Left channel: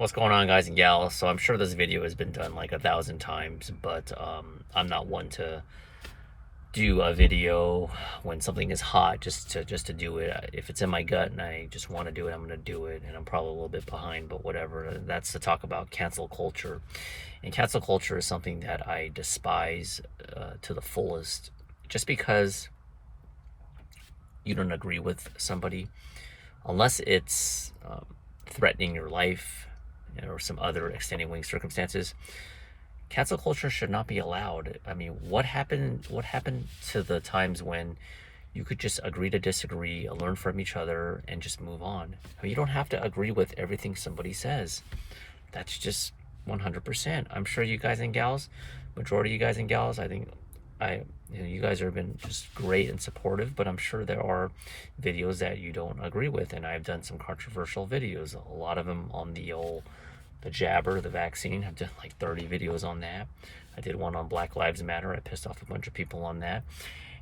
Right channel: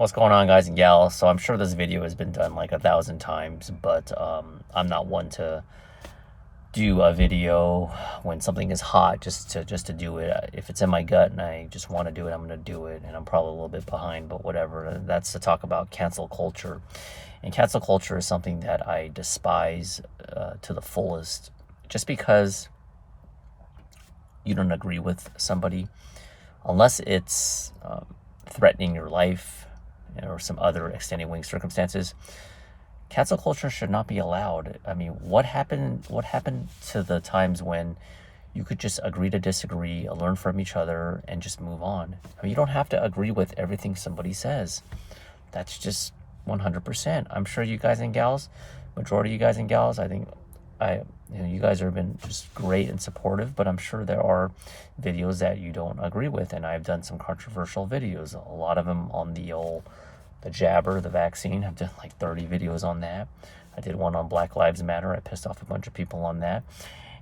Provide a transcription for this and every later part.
What's going on, guys and gals? So I'm sure this video has been done like 1,000 times, but I'm not one to do a video when something is hot just to do it. If it's in my gut and I just want to do it, I'm gonna do it, and I'm probably a little bit behind, but whatever. That's to talk about cancel culture, and cancel culture is something that I despise to the fullest, just because you don't agree with somebody, unless it's threatening your life or some other extenuating circumstances. Cancel culture should not be allowed. I mean, what happened? What happened to the times when you could just agree to disagree, learn from each other, and just move on? I mean, you don't have to agree with everything somebody says. That's just 100%. I'm sure you guys and gals, majority of you guys and gals, I think you guys have been just great and supportive, but I'm sure there are videos that you don't agree with, and I've done some controversial videos. A lot of them on the jabber, the vaccine. I've done like 30 videos on that. I did one on Black Lives Matter. I pissed off a bunch of people on that,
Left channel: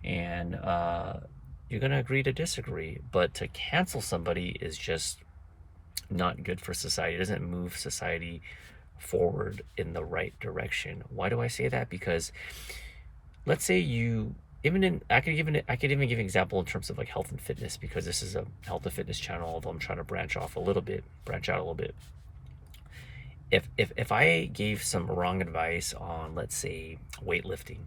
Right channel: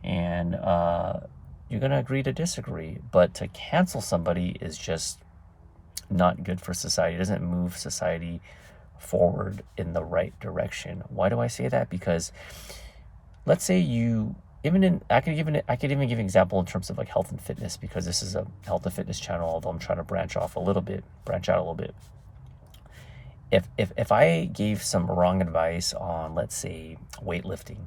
and you're gonna agree to disagree, but to cancel somebody is just not good for society. It doesn't move society forward in the right direction. Why do I say that? Because let's say you even in I could even give an example in terms of like health and fitness, because this is a health and fitness channel, although I'm trying to branch out a little bit. If I gave some wrong advice on, let's say, weightlifting,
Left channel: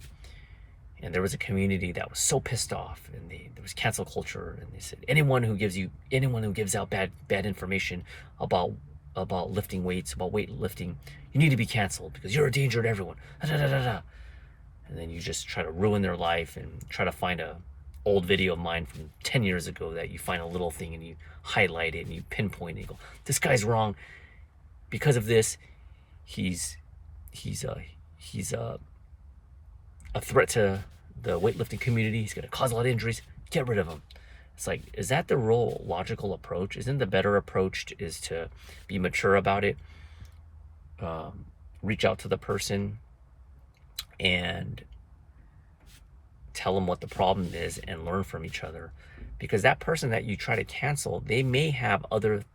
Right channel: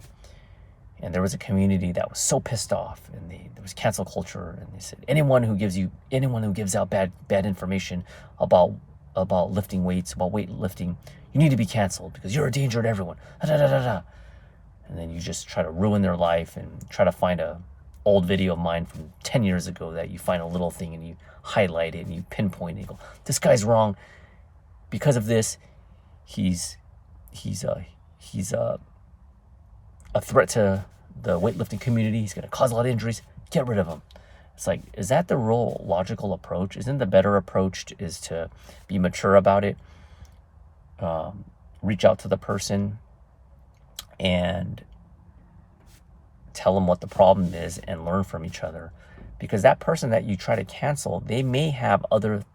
and there was a community that was so pissed off, and there was cancel culture, and they said anyone who gives out bad information about lifting weights, about weightlifting, you need to be canceled because you're a danger to everyone. Da, da, da, da, da. And then you just try to ruin their life and try to find a old video of mine from 10 years ago that you find a little thing and you highlight it and you pinpoint it and you go, this guy's wrong because of this. He's a threat to the weightlifting community. He's going to cause a lot of injuries. Get rid of him. It's like, is that the real logical approach? Isn't the better approach is to be mature about it, reach out to the person and tell them what the problem is and learn from each other? Because that person that you try to cancel, they may have other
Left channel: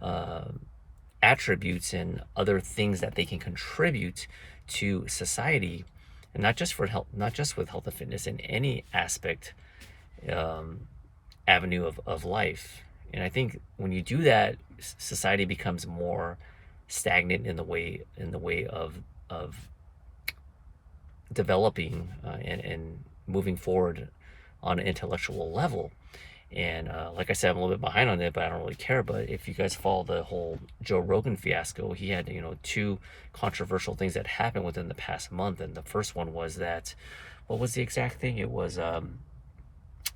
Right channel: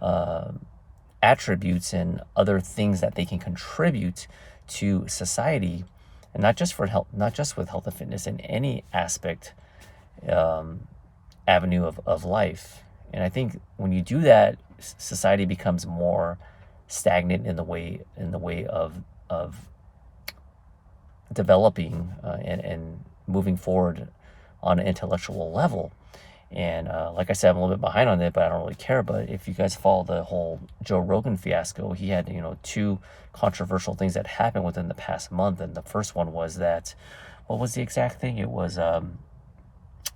uh, attributes and other things that they can contribute to society, and not just for health, not just with health and fitness, in any aspect, avenue of life. And I think when you do that, society becomes more stagnant in the way of developing and moving forward on an intellectual level. And like I said, I'm a little bit behind on it, but I don't really care. But if you guys follow the whole Joe Rogan fiasco, he had, two controversial things that happened within the past month. And the first one was that, what was the exact thing? It was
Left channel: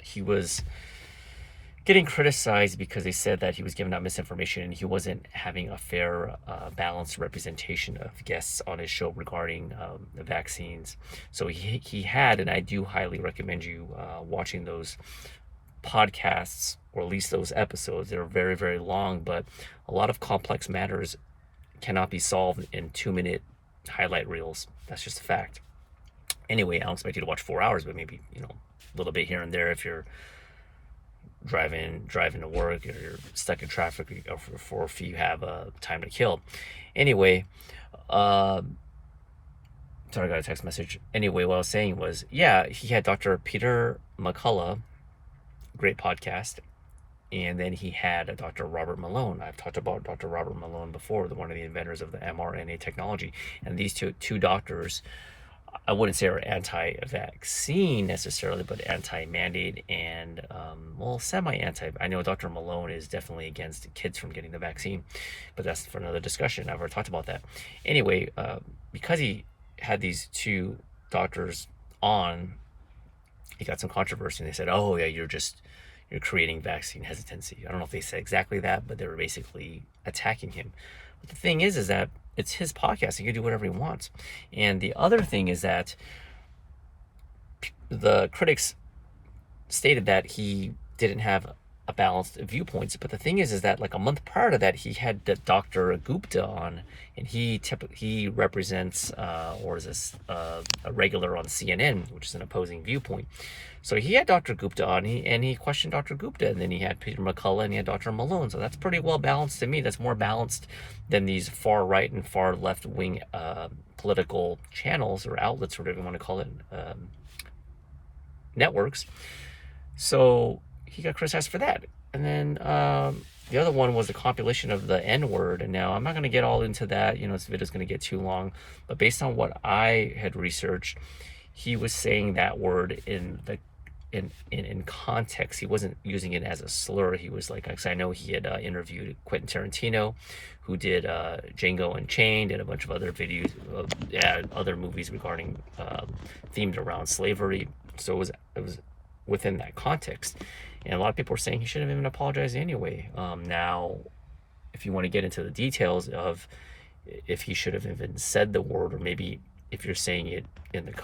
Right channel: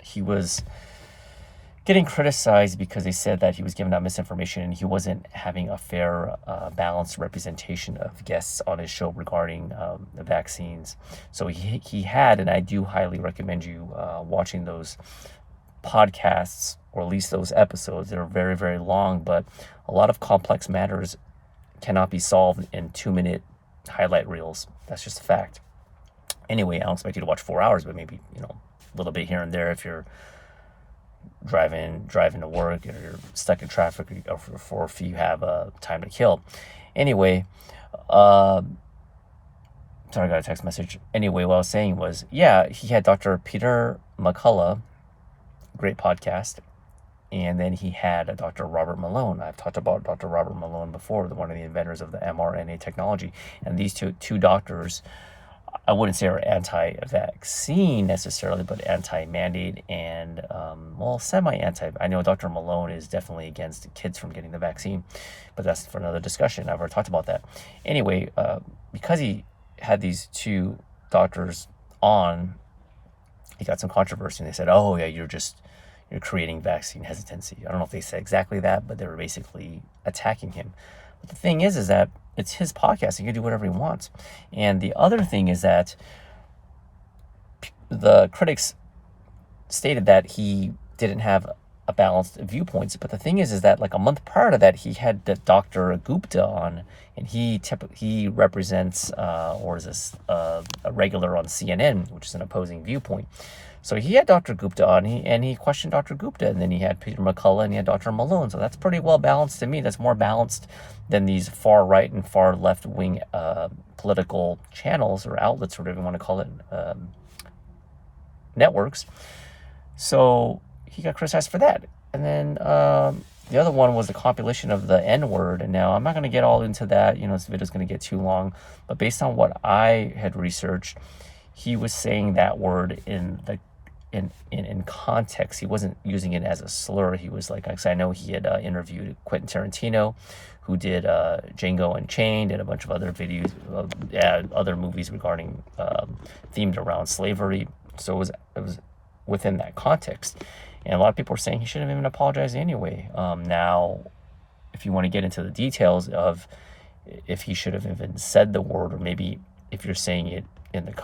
he was getting criticized because they said that he was giving out misinformation and he wasn't having a fair, balanced representation of guests on his show regarding the vaccines. So he had, and I do highly recommend you watching those podcasts, or at least those episodes. They're very, very long, but a lot of complex matters cannot be solved in 2-minute highlight reels. That's just a fact. Anyway, I don't expect you to watch 4 hours, but maybe, a little bit here and there if you're driving to work, or you're stuck in traffic, or if you have time to kill. Anyway, sorry, I got a text message. Anyway, what I was saying was, yeah, he had Dr. Peter McCullough, great podcast, and then he had Dr. Robert Malone. I've talked about Dr. Robert Malone before, one of the inventors of the mRNA technology. And these two doctors, I wouldn't say are anti-vaccine necessarily, but anti-mandate and, semi-anti. I know Dr. Malone is definitely against kids from getting the vaccine, but that's for another discussion. I've already talked about that. Anyway, because he had these two doctors on, he got some controversy, and they said, oh, yeah, you're creating vaccine hesitancy. I don't know if they said exactly that, but they were basically attacking him. But the thing is that it's his podcast. He can do whatever he wants. And the other thing is that the critics stated that he didn't have balanced viewpoints. But the thing is that like a month prior to that, he had the Dr. Gupta on, and he represents or is this a regular on CNN, which is an opposing viewpoint. So he had Dr. Gupta on, and he questioned Dr. Gupta, and then he had Peter McCullough, and he had Dr. Malone. So that's pretty well balanced to me. That's more balanced than these far right and far left wing political channels or outlets, or whatever you want to call it, networks. So he got criticized for that. And then the other one was the compilation of the N-word. And now I'm not going to get all into that. This video is going to get too long. But based on what I had researched, he was saying that word in context. He wasn't using it as a slur. He was like, I know he had interviewed Quentin Tarantino, who did Django Unchained and a bunch of other videos, other movies regarding themed around slavery. So it was within that context. And a lot of people are saying he shouldn't have even apologized anyway. Now, if you want to get into the details of if he should have even said the word, or maybe if you're saying it in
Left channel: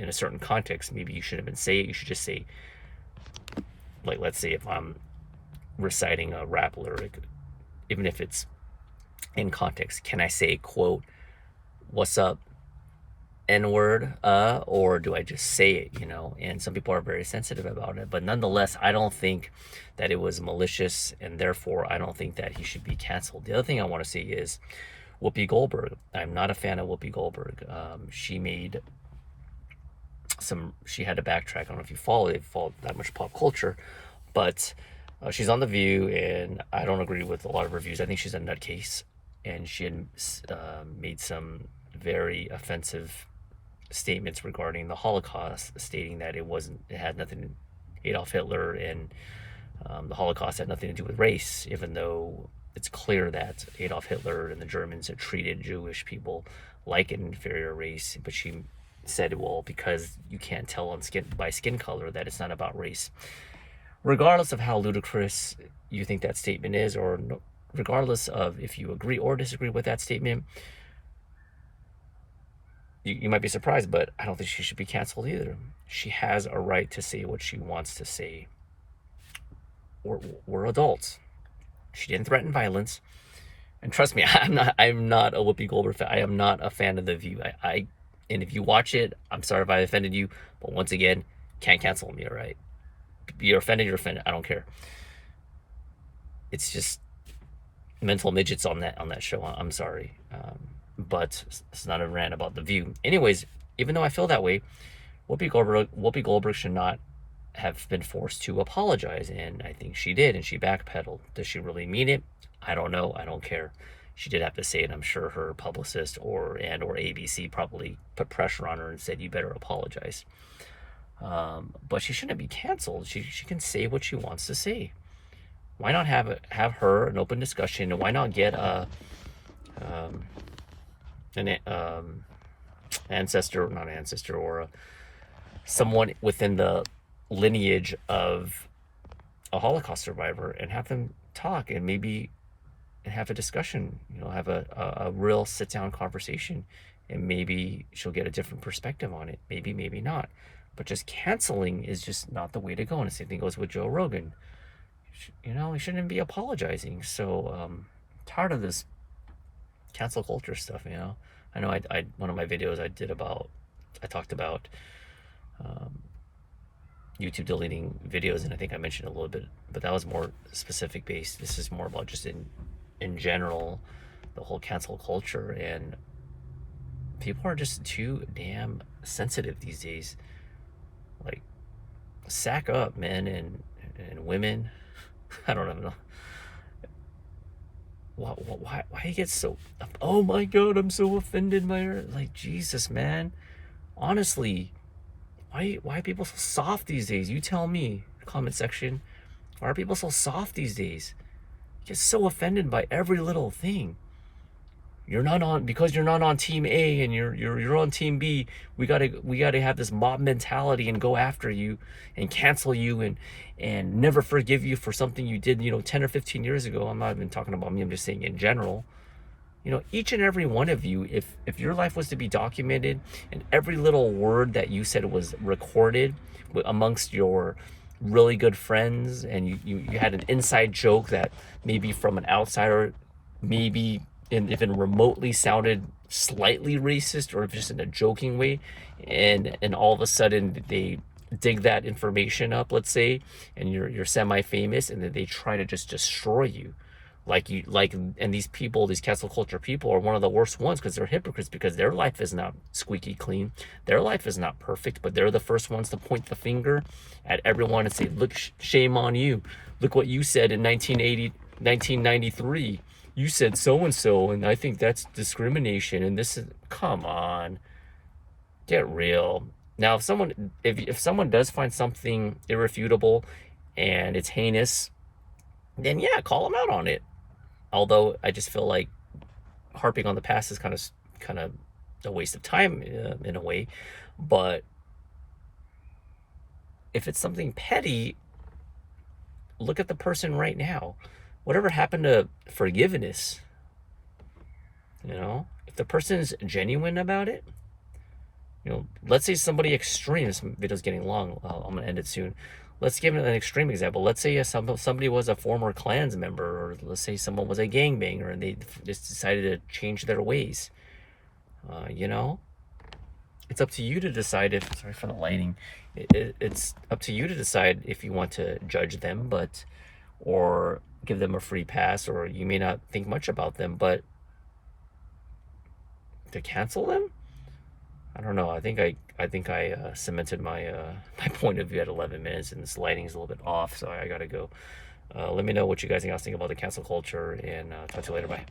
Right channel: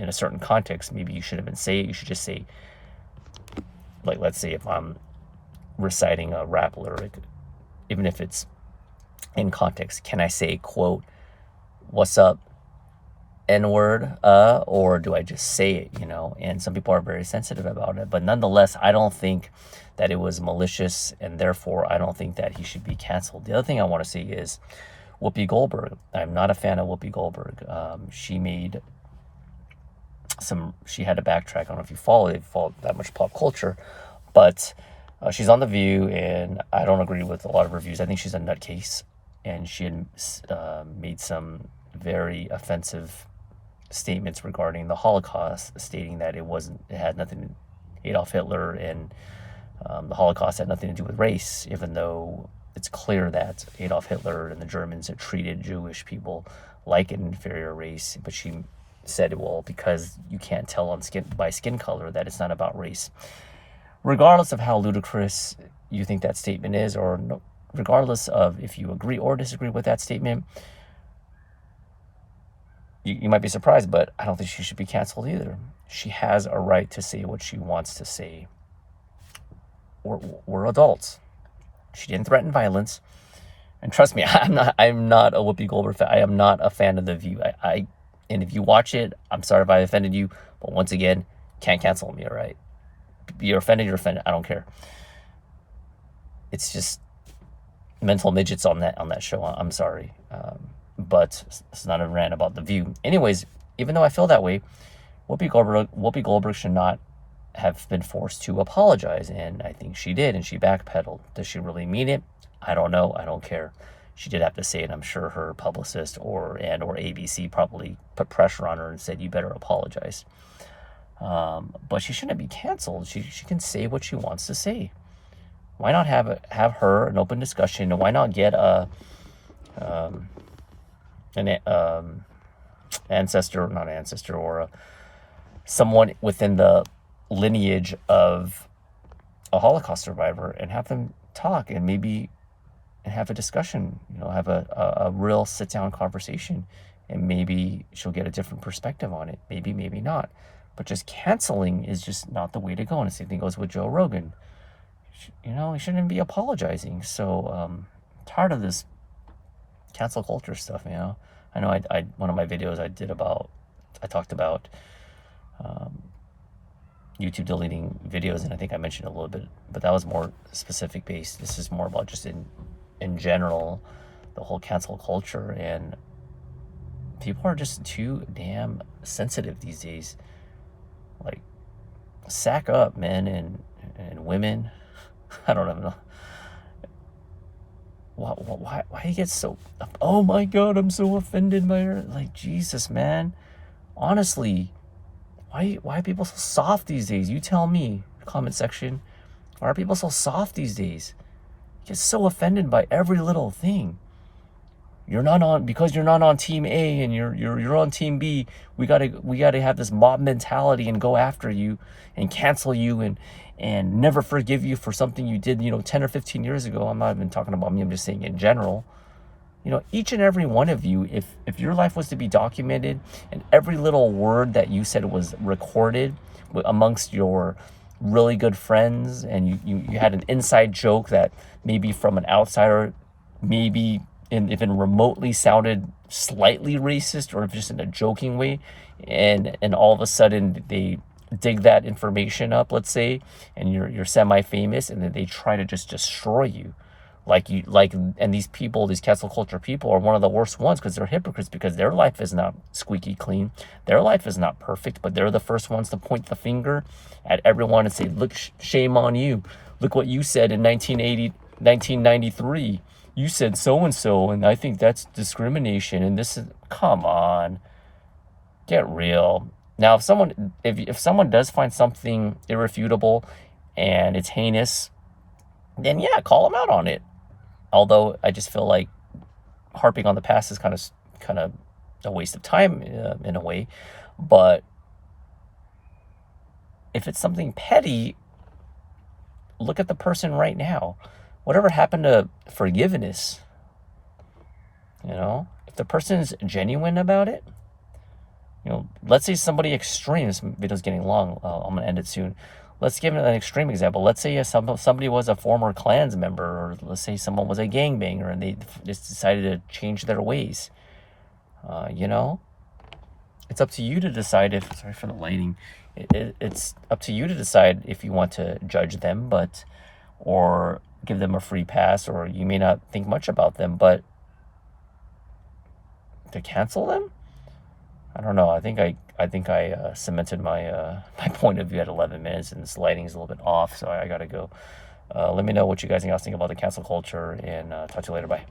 a certain context, maybe you should have been saying it. You should just say, like, let's say if I'm reciting a rap lyric, even if it's in context, can I say, quote, "What's up, N-word," or do I just say it, And some people are very sensitive about it. But nonetheless, I don't think that it was malicious, and therefore I don't think that he should be canceled. The other thing I want to say is Whoopi Goldberg. I'm not a fan of Whoopi Goldberg. She had to backtrack. I don't know if you follow that much pop culture, but she's on The View, and I don't agree with a lot of reviews. I think she's a nutcase, and she had made some very offensive statements regarding the Holocaust, stating that Adolf Hitler and the Holocaust had nothing to do with race, even though it's clear that Adolf Hitler and the Germans had treated Jewish people like an inferior race. But she said, well, because you can't tell by skin color, that it's not about race. Regardless of how ludicrous you think that statement is, or regardless of if you agree or disagree with that statement, you might be surprised, but I don't think she should be canceled either. She has a right to say what she wants to say. We're adults. She didn't threaten violence. And trust me, I'm not a Whoopi Goldberg fan. I am not a fan of The View. And if you watch it, I'm sorry if I offended you, but once again, can't cancel me, all right? You're offended, I don't care. It's just mental midgets on that show. I'm sorry. But it's not a rant about The View. Anyways, even though I feel that way, Whoopi Goldberg should not have been forced to apologize, and I think she did, and she backpedaled. Does she really mean it? I don't know. I don't care. She did have to say it. I'm sure her publicist or ABC probably put pressure on her and said, you better apologize. But she shouldn't be canceled. She can say what she wants to say. Why not have her an open discussion, and why not get ancestor or someone within the lineage of a Holocaust survivor, and have them talk and have a discussion, have a real sit down conversation, and maybe she'll get a different perspective on it. Maybe not. But just canceling is just not the way to go. And the same thing goes with Joe Rogan. He shouldn't be apologizing. So tired of this cancel culture stuff. I know I one of my videos I talked about YouTube deleting videos, and I think I mentioned a little bit, but that was more specific based. This is more about just in general, the whole cancel culture, and people are just too damn sensitive these days. Like, sack up, men and women. I don't know. Why you get so, oh my God, I'm so offended by her. Like, Jesus, man. Honestly, why are people so soft these days? You tell me, comment section. Why are people so soft these days? You get so offended by every little thing. Because you're not on team A and you're on team B. We gotta have this mob mentality and go after you and cancel you and never forgive you for something you did 10 or 15 years ago. I'm not even talking about me. I'm just saying in general. Each and every one of you, if your life was to be documented and every little word that you said was recorded amongst your really good friends and you had an inside joke that maybe from an outsider, maybe even remotely sounded slightly racist or just in a joking way, and all of a sudden they dig that information up, let's say, and you're semi-famous, and then they try to just destroy you, and these people, these cancel culture people, are one of the worst ones because they're hypocrites, because their life is not squeaky clean, their life is not perfect, but they're the first ones to point the finger at everyone and say, look, shame on you, look what you said in 1993, you said so and so, and I think that's discrimination, and this is, come on, get real. Now, if someone does find something irrefutable and it's heinous, then yeah, call them out on it. Although I just feel like harping on the past is kind of a waste of time, in a way. But if it's something petty, look at the person right now. Whatever happened to forgiveness? If the person's genuine about it, let's say somebody extreme. This video's getting long. I'm gonna end it soon. Let's give an extreme example. Let's say somebody was a former Klans member, or let's say someone was a gangbanger and they just decided to change their ways. It's up to you to decide if, sorry for the lighting, it's up to you to decide if you want to judge them, or give them a free pass, or you may not think much about them, but to cancel them? I don't know. I think I cemented my my point of view at 11 minutes, and this lighting is a little bit off, so I gotta go. Let me know what you guys think about the cancel culture, and talk to you later. Bye.